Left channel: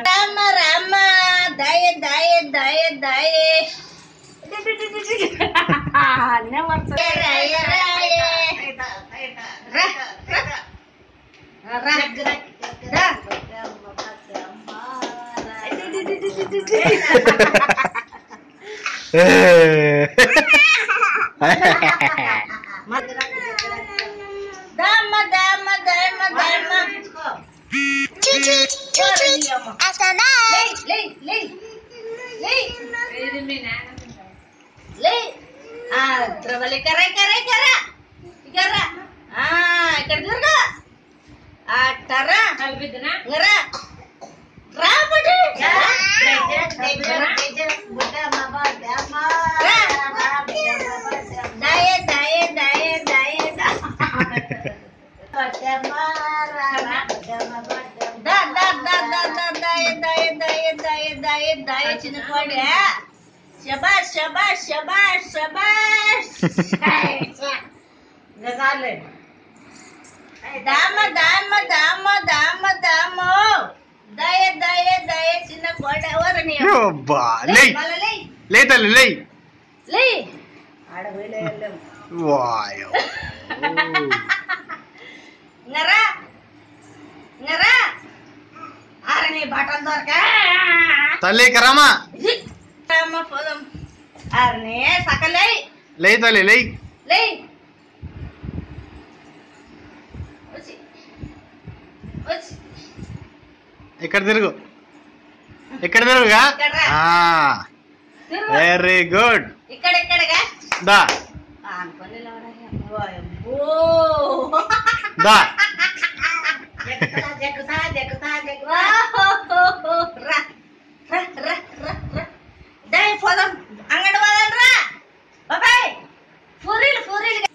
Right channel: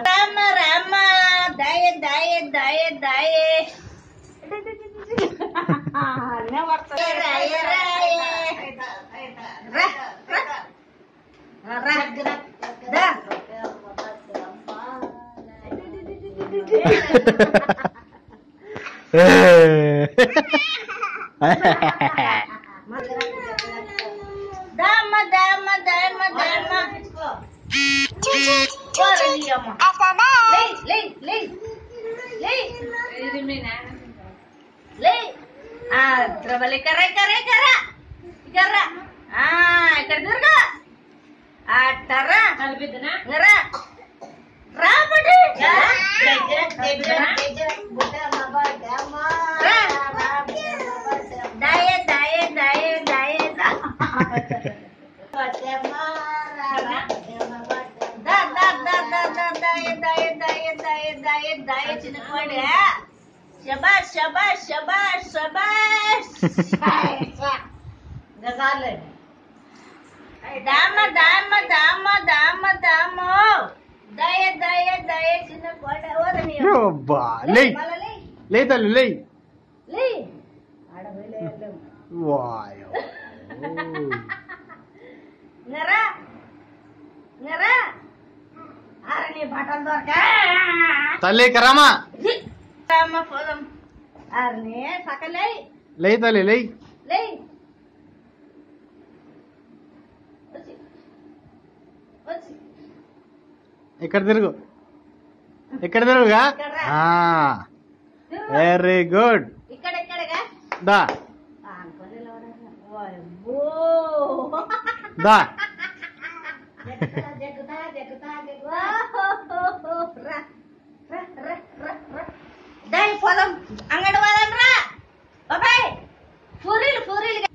రామ రామ దాయ దాయ దాయ దాయ శబాష్ శబాష్ శబాష్ శబాష్ దామ దామ దామ దామ దామ దయ దయ దయ చిన్న కోట ఎవరని లే తల్లి లే లే వాయో నరా నరా అరణి బటన్ దొరక తల్లి కరామా రామ పోదాం అరణి సకలే లే తల్లి లే లే ఇక్కడ తిరుగు ఇక్కడ తిరుగుగా వెరీ గుడ్ ఇక్కడ ఇక్కడగా దా దా పోదాం అంగడి పోదాం రా బాబాయ్ పూరీలు పూరీలు